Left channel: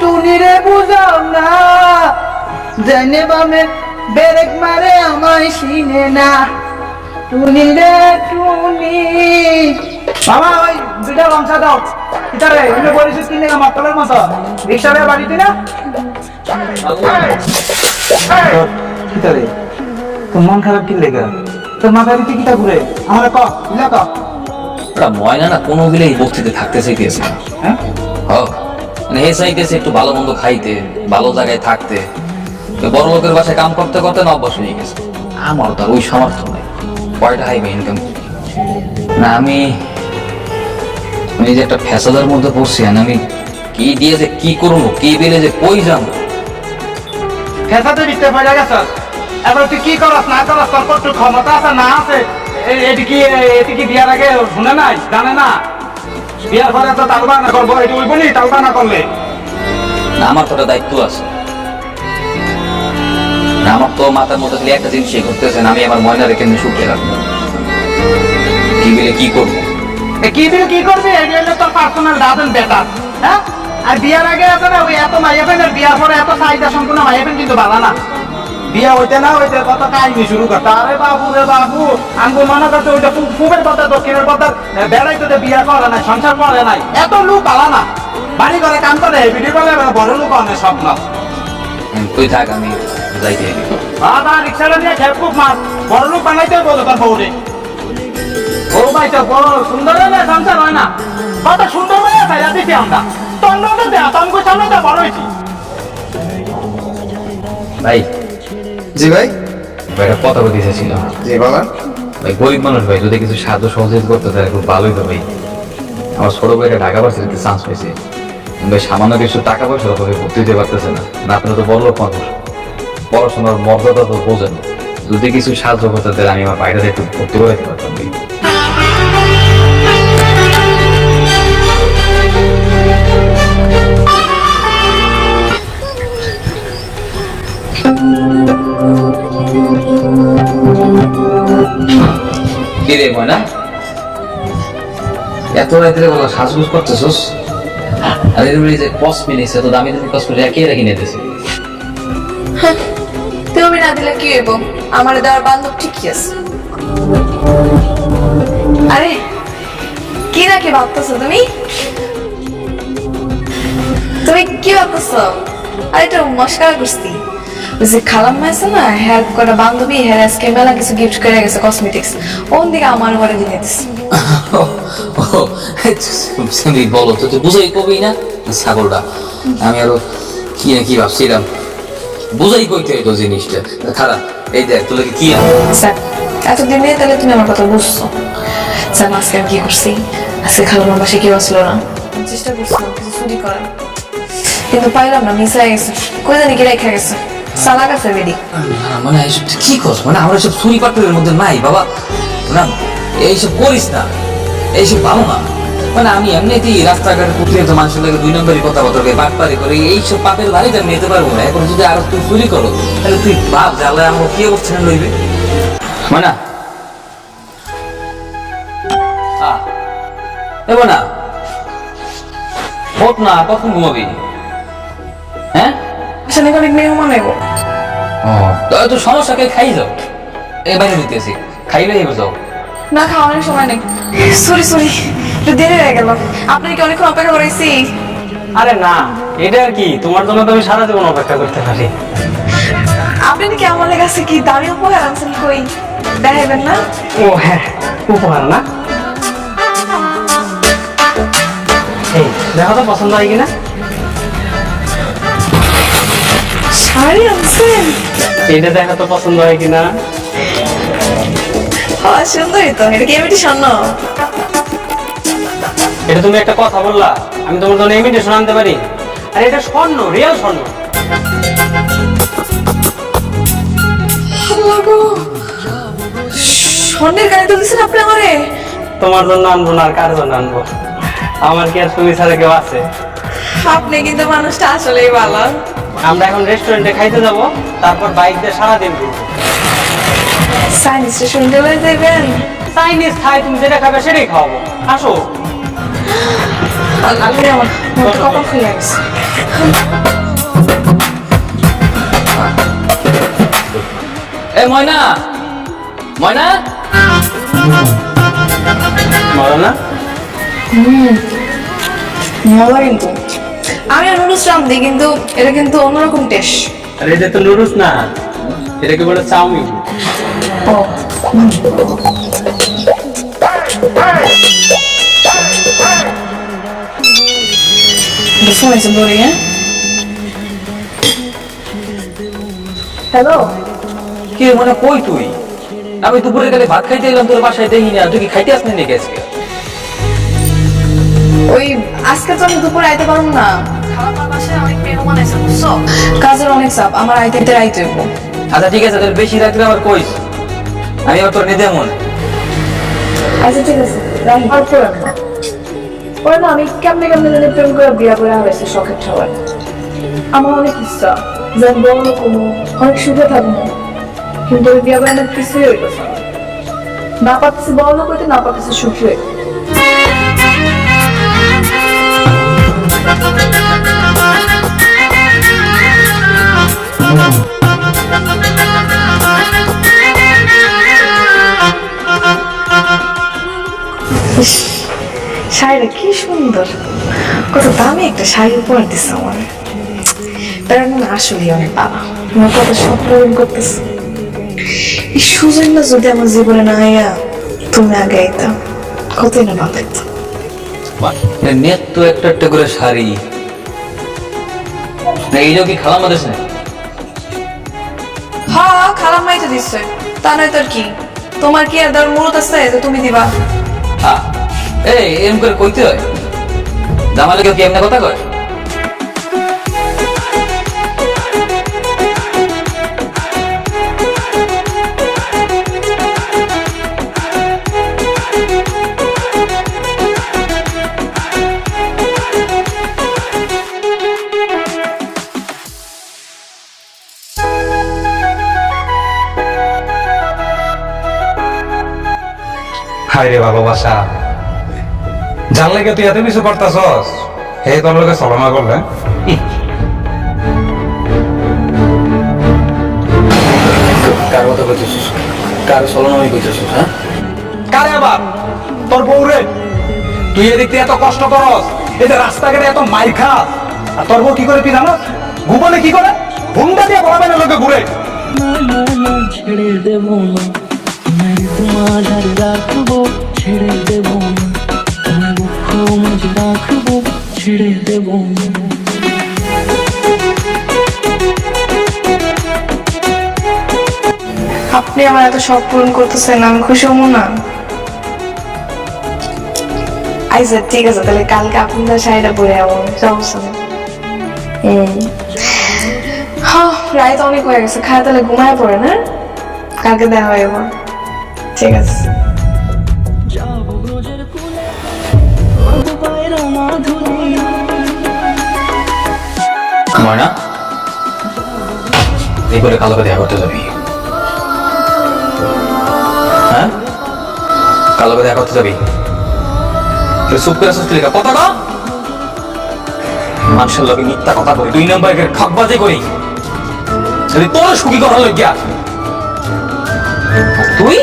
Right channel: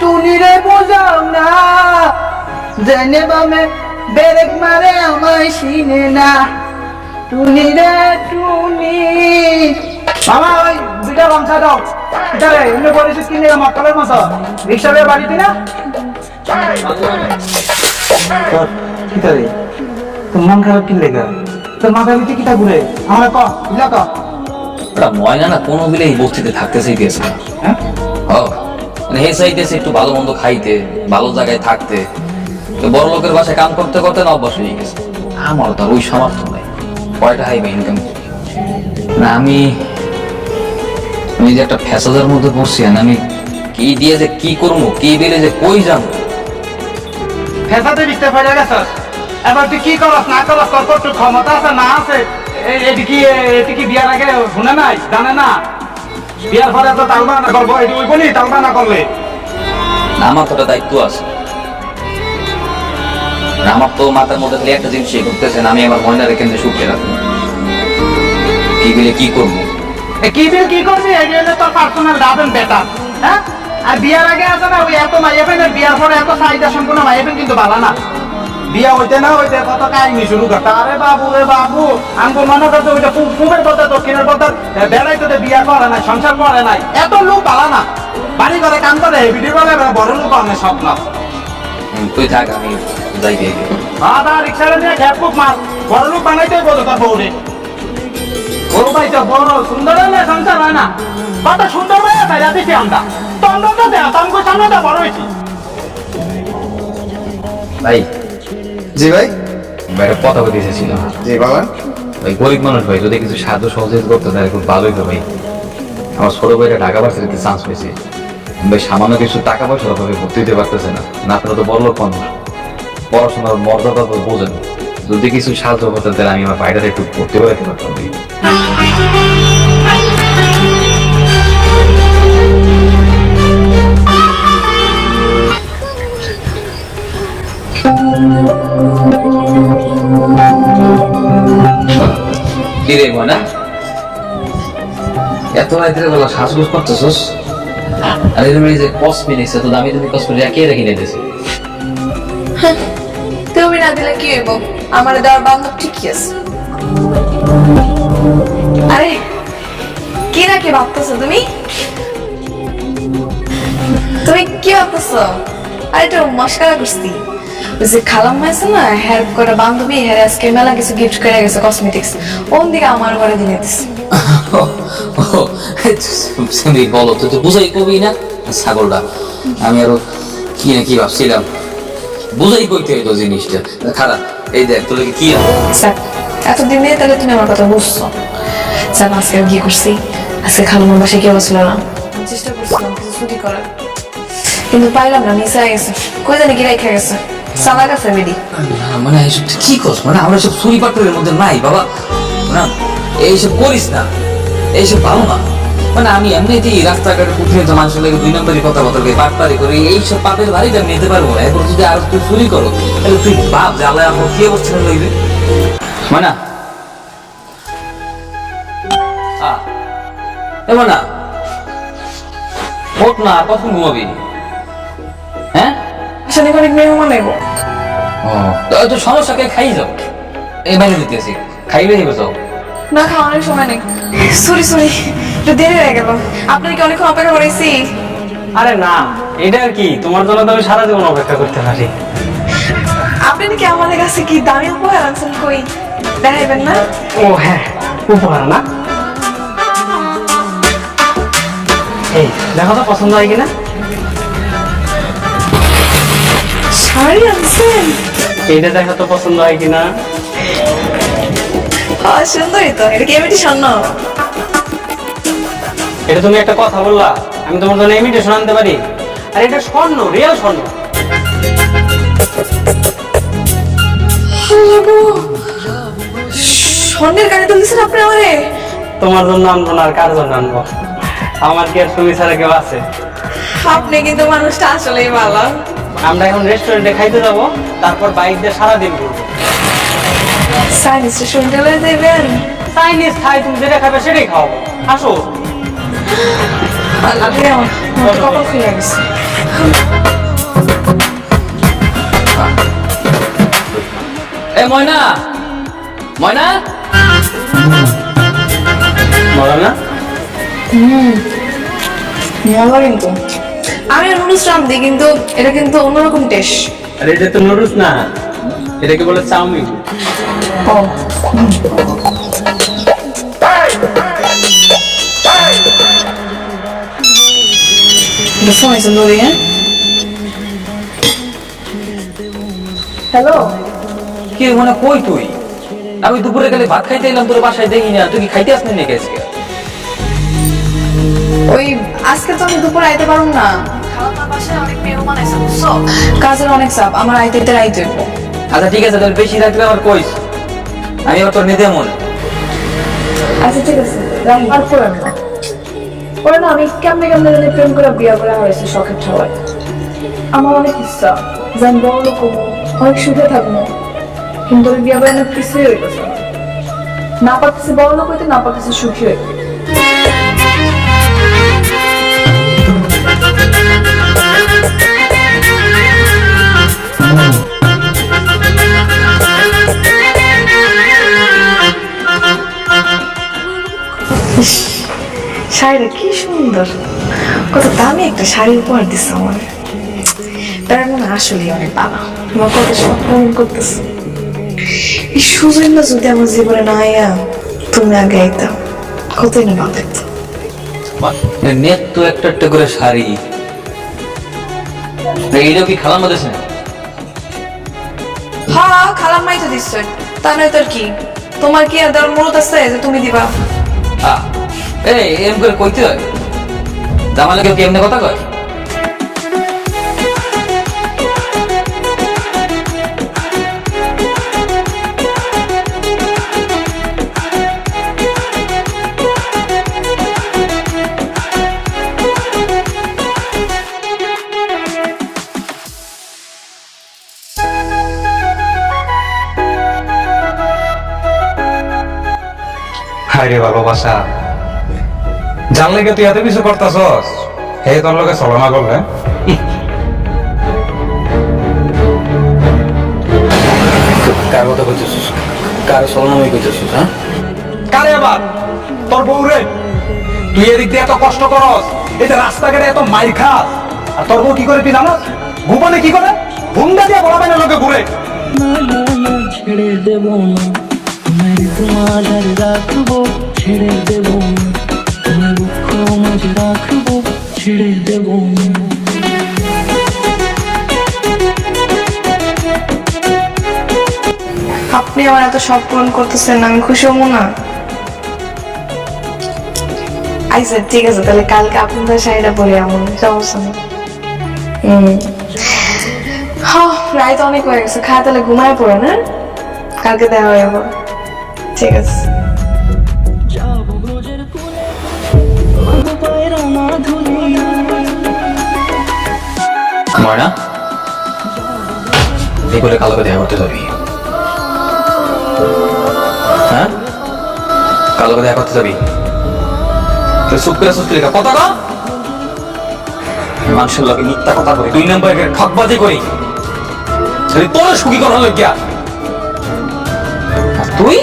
টুনিরে বুঝাও না। জানে বামে বেরেক মারে আমায় চিনে না। টুনি রে টুনি মামা ওই দুইটা লঙ্কা দাও। কিতারে এমনি পরিচিত কিনে মক্কলের মতো। রিক্সা বাড়িতে না? কিতারে তোর মন খারাপ কি লেগা? তোর ভিতরে কিতা ঘুরে? আমার ক ইলা ক? ওটা ময়না না কোনো বিলে এই বস্তিতে থাকতে চাইতেছে। হ্যাঁ? মানে হে একটু ভালো মন্দ খাইতে, ভালো জায়গায় থাকতে। বড় লোকের বাসায় কাম করতে করতে না অভ্যাস হয়ে গেছে। আমার তো আর ওই সামর্থ্য নাই। কয়টা হাইবে ইনকাম না, আমি আমি যে একটা ফ্যাসাদের মধ্যে পড়ছি, আর আমি কি দিয়ে যে কি করব, কি বেলে যে কই জানো ফেসাতে বিতে পড়ে গেছস এবার তুই কি করস, না করস, তোর ক্ষমতা আছে, না আছে? এটি কি এটি কি বিয়ার আগে শুনে নাই? জানে না? বিয়ার পরে তো তালবা না করব এটি উইব নি তালবা না করলে আমার তো একটা দায়িত্ব আছে। আমার তো মাথার মধ্যে খালি একটা জিনিস করতেছেন আমি আমার ময়নারে কেমনি সুখে রাখব? কি বিলে কি করব? কি দিন কি করবি? এই হলো তোর পার্সোনাল ডাবেন বেটা হ্যাঁ? আর বিয়ার আগে আছে না ওই এত মাইয়াবেন আর বিয়ার পরে এত চাহিদা সম্পূর্ণ মাইয়াবেন কিন্তু বালা না। বিয়া হইতে না হইতে কত কাহিনী শুরু করতে আরে বাবু রে বাবু আঙ্গুর মনে করতে ওইটা পূব- পূবের পথে দক্ষিণের পথে বেড়াইতে তো বিয়া করে নাই সংসার করে নাই। এত লোক বালা না। বাড়ি করে কাম করে ভিডিও বলে বড় লোক অনেক স্বপ্ন। তুই থাক আমি যাইতে হইবে। আদা রিক্সাটা নিয়ে খেপ মার। বড় লোক বানাইতে হইব তো তোর বউরে। বউ ভাই তো বড় সুন্দর হলে সংসার হয় না। কত সুন্দর ভাই আছে দিছি আমরা। তন্ড তো দেয়া তঙ্গু সামনে তো বড় হয়েছি। ভাই জি ভাই। ভাই একটা কথা বলতে চাইছিলাম জি বাবা ভাই গরিব মানুষ ভাই যদি কিছু সাহায্য সহযোগিতা করতে তাহলে খুব ভালোই তো ভাই। আমার ছোট ভাইটা ঢাকা ভার্সিটিতে চান্স পেয়েছে। ভাই সামান্য কিছু টাকা পয়সার অভাবে ভর্তি দিতে পারতেছে না। না আপনারা তো বড় লোক মানুষ। পড়াশোনার মর্যাদা তো বোঝেন। যদি কিছু সাহায্য করতেন তাহলে আমি আমার বাইরে একটু ভর্তি করে রাখতে পারতাম কিরে ময়না এত রাত্রে বেলা সাজগুজ করতেছস? আর এরকম এই যে কসমেটিক্স এত দামি দামি কে রেখে নিয়ে তুমি না দিলে কি হইব? আমার বান্ধব ঠিকই আছে। আরে, কি না কি ভাবতেছো তুমি? তুমি কি আরে এটা মস্কারা করছি ওই যে খালাম্মা আছে না হেয়ার করে বান্ধবী হেয়ার আজকে মেলা কিছু গিফট করে গেছে কসমেটিক্স ওন দিকে আমার ঘরে দিয়ে দিস তুমি বলো তো তুই বুঝাই কবি না? ছাগলটা আমি আরও কি না কি ভাবছিলাম। বুঝাই কইতে হইতো জিনিসটা। খারাপ এই দেখ তোর কি? স্যার এতদিন দিয়ে তাহলে তুমি আমার কথা বুঝছ। স্যার আজকে আমি কি করছি? আজকে খালামার বাসায় কেউ আসলো না। চেষ্টা করছিলাম কিছু চুরি করার। কিন্তু পাইলাম না মিস হয়ে গেছে। কই জানি কি রেখে গেছে। সালাক আছে বেডি না মানে এইসব তুই কি করছ মানে আমরা সব চুরি পাট্টরের মধ্যে নাই, বাবা। না, এইসব করিস না। এইসব ভালো না। মানে আমি এমনিতেই রাস্তাঘাটে প্রতিনিয়ত মানুষের লাগে দুই নম্বরই কথা বতর করে পাটপারি করে, এইসব পাপের বাড়িতে আমি নিতে পারব এরপর যদি আরও তুই চুরি করো, তাহলে তুই বাপ আল্লাহ আমাকে কি অবস্থা লইবে? মানে। আ। এব না ওঠ না কতক্ষণ ঘুমাবি? হ্যাঁ? আসলে অনেক মেহমান এগো ও তো তো সমস্যা কে খাই যাও? এই বাইরে দিতেছি খাইলে এবার যাও। না খাওয়ানোর সময় নেই। সরি সরি একটু দেরি হয়ে গেল। আপনার কি অনেকক্ষণ অপেক্ষা করেছি? আরে না এটা আর কি তোমার জন্য তো আমি সারা জীবন অপেক্ষা করতে পারি। আপনি নাকি আমার কাছে কি দামি উপহার আনছেন কই? দেখাইবেন না? ও হ্যাঁ উপহার না? এই দেখো তো পছন্দ হয় কিনা? শাড়ি আনছেন এইটা দেখো তো পছন্দ হয় কিনা? হ্যাঁ সুন্দরই তো। এটা কি এমনি স্বর্ণ এটা তুমি একটা কথা বললা। আমি তোমার জন্য ইমিটেশন আনতে পারি। আর এটা স্বর্ণ রিয়েল স্বর্ণ। স্বর্ণের কানে তুলছেন আপনি আমারে? তোমার জন্য আনব না আর কার জন্য আনব? আমার কি আর তুমি ছাড়া কেউ আছে? আপনি কিন্তু মানুষটা আসলেই ভালো। আমরা এখন রেস্টুরেন্টে খাইতে যাব তারপর বাইক দিয়ে সারাদিন ঘুরবো। সাইনিস রেস্টুরেন্টে লয়ে যাবেন চাইনিজ খাই তুমি যেটা খাবে সেটাই খাওয়াবো। আসো। আমার খুলে গেছে। এ ময়না! ময়না! মজা না? মজা কিন্তু। আমি নুডলস রান্ধি কিন্তু এটা কিন্তু অন্যরকম টেস্ট আরে এটা তো নুডলস না এটাকে বলে চাউমিন। ও। হ্যাঁ? হ্যালো? কি মনে কই তুই? আমি দুপুরে গেলে ভাত খাইতে এলাম তোর বাসায় দেখি না। তুই কি খাইতে আসনি নাকি আজকে? ওই আজকে তো আমি দুপুরে আইতে পারুম না। খালাম্মার বাসায় অনেক মেহমান আছে বুঝছ কাজের অনেক চাপ আমার আইতে আইতে রাইতে হইব। আচ্ছা ঠিক আছে তাহলে বেশি রাত্রে আমার কইস। আমি আবার তোর নিতে মনে। আচ্ছা ঠিক আছে রাখি। আর করে না। ওরা না আমি কেমনে কেমনে জানি প্রেম করে বিয়া করে হারাইছি শখের ঠাওয়ার আমার অনেক ইচ্ছা যে আমি বড় লোক অনেক সুখে থাকব। কিন্তু ওই বিয়া করে আমার কিছুই হইতেছে না। না পারতেছি বড় লোক হইতে না পারতেছি সুখী হইতে। শাড়িটা কি সুন্দর। কত দামি একটা শাড়ি উপহার দিচ্ছে আমার তার মানে আসলেই অনেক বাবা। আমার কত সব পূরণ করতেছে। এই না যদি আমার জীবনে না আইয়া তুমি আগে আইতা। কতই না ভালো নেট তো একটা একটা করে শাড়ি। এইটাও কি খালাম মাদের না হ্যাঁ খালাম মাই তো দিচ্ছে তা নয় তোর কি? তোমার কি আর দেওয়ার আছে যে তুমি দিবা? আ, এই এম করে কইতে হয়? জামালে কেউ কি এমনি কথা কয়? হাই রে ভালোবাসা। জানলে কি তুই এত কিছু করতাছস হে তোর লোকে চলনা করলে? কার কথা কইতেছিস? কার কইতেছিস হ্যাঁ? কারে আবার? তোর বউ রে তুই এদিক দিয়ে এত কষ্ট করস এই যে রাস্তাঘাটে এত মাইর খাস। আর তোর বউ কি করে তুই জানোস? গোপনে কি করে? হুন্ডা দিয়ে বড় লোকে ঘুরে। না না না ছেড়ে দেব না। তোমায় তোমার রাখব, ছেড়ে দেব। না তোমায় দুঃখ রাখব, ছেড়ে দেব। আপনি আমার এত শখ পূরণ করতেছেন, আমি খুশি হব না। আচ্ছা ঠিক আছে, তাহলে কালকে আপনার শাড়িটা পরে এমন সমস্যা নেই। হুম। হ্যাঁ রায় তো অনেক হয়ে গেছে, খায় তাহলে ঘুমায় পড়ে না কালকে দেখা হয়ে যাব। ঠিক আছে। যাব ব্রজের কুলে মাগো পায়রা মাধুরী। ময়না এই বলে কালোকে দেখা করতে যাবি। হ্যাঁ? কালোকে দেখা করতে যাবি? তুই চুপ করে সুস্থ লেখা কথা কম মানুষের লোকে মিথ্যা কথা করি দুই নম্বর খকবাজি করি। খালি তোর সুখী করার লজ্ঞা আর তুই?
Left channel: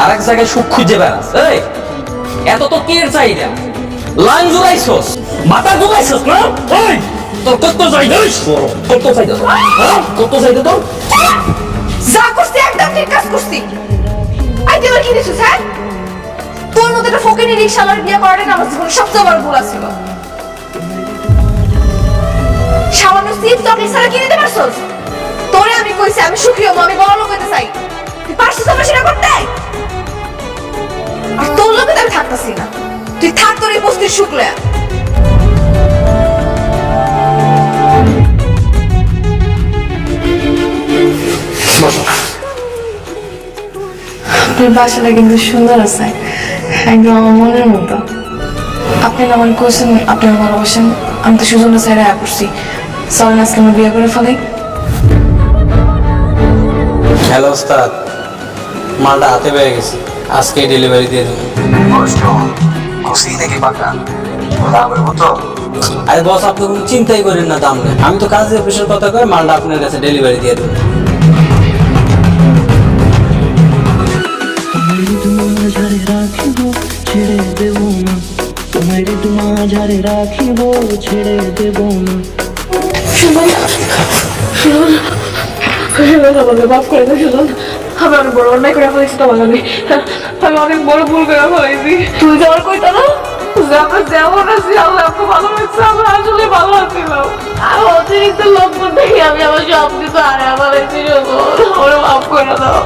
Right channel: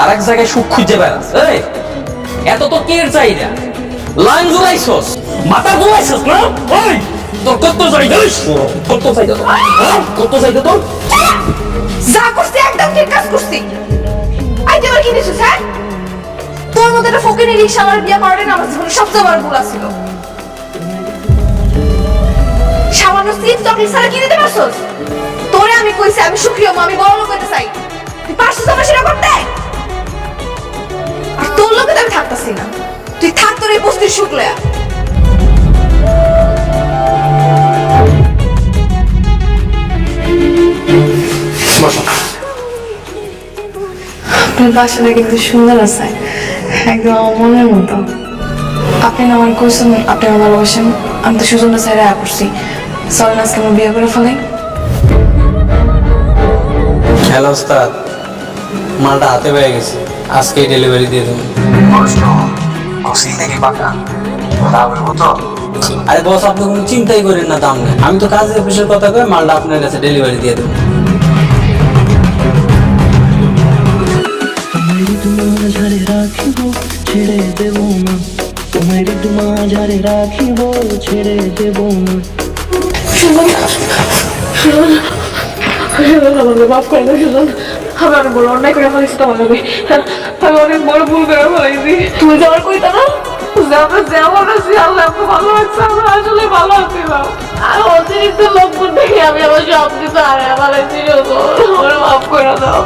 আর এক জায়গায় সুখ খুঁজে বেড়াস। এই, এত তো কের চাহিদা? লাইন জুড়াইছস? মাথা জুড়াইছস না? ওই তোর কত চাহিদা কত চাহিদা তোর? হ্যাঁ? কত চাহিদা তোর? যা করছি, একদম ঠিক কাজ করছি। আই নিছিস হ্যাঁ? তোর মতো একটা ফকিনি রিক্সা আমার বিয়ে করাটা না আমার সবচেয়ে বড় ভুল ছিল সামান্য সিপ চকলেট ছাড়া কি নিতে পারছস? তোরে আমি কইছি, আমি সুখী হব, আমি বড় লোক হইতে চাই। তুই পারছিস আমার সেটা করতে? আর তোর লোকে তো আমি থাকতাছি না। তুই থাক তোর এই বস্তির সুখ আপনার বাসাটা কিন্তু সুন্দর আছে একদম আমার মনের মতো। আপনি না আমার কোশ্চেন আপনি আমার ভালোবাসেন আমি তো সুজনটা সাইডে আয়া করছি। চলেন আজকে আমরা বিয়ে করে ফেলাই হ্যালো ওস্তাদ মালটা হাতে পেয়ে গেছে। আজকেই ডেলিভারি দিয়ে দেবো। খুশি নাকি পাকা? তা বলব তো আরে বস আপনি কোনো চিন্তাই করেন না দাম নেই আমি তো কাজের অফিসের কথা কই মালটা আপনার কাছে ডেলিভারি দিয়ে দেবো। তোমার রাখিব ছেড়ে দেব না তোমার মাঝারে রাখিব ছেড়ে দেব না আমাকে মাফ করে দাও আমি অনেক বড় অন্যায় করে ফেলেছি তোমার লাগে আমি অনেক বড় ভুল করে ফেলেছি। তুই যে আমার কইতা না আমরা যেমন আছি আল্লাহ আমাকে ভালো আমরা আসলে ভালো আছিলাম। আর অতিরিক্ত লক্ষণ দেখে আমি আমার সব কিছু হারিয়ে ফেলেছি সুজন আমার মাফ করে দাও।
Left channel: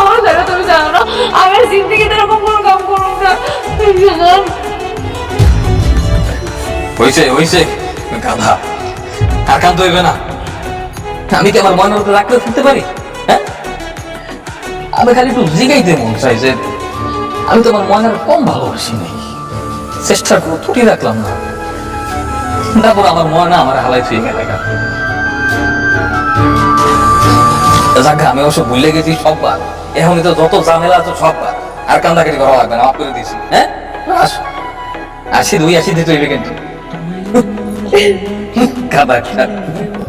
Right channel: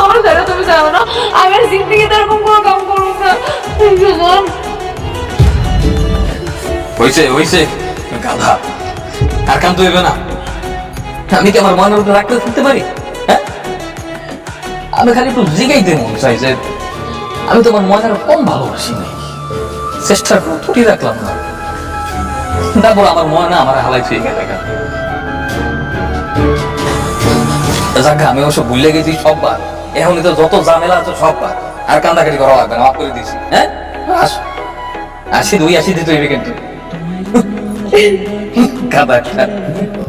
আমার জানো তুমি জানো না আমি আর জিন্দিগিতে এরকম কোনো কাম করব না। সুজন হইছে হইছে। গাধা। আর কান্ত হইবে না? আমি কি আমার মনের উপরে রাখতে থাকতে পারি? হ্যাঁ? আমি খালি একটু জিগাইতে মন চাই যে আমি তোমার ময়নার কম ভালোবাসি নাই। চেষ্টা করো ত্রুটি রাখলাম না। তারপর আমার ময়না আমার হালাই ছুঁয়ে গেল যাক আমি অবশ্য ভুলে গেছি সববার এখনই তো যত ঝামেলা আছে সববার আর কান্দাকাটি করা লাগবে না মাফ করে দিছি। হ্যাঁ? আস। আসি দুই আসি দিতে হইবে কিন্তু কাদা।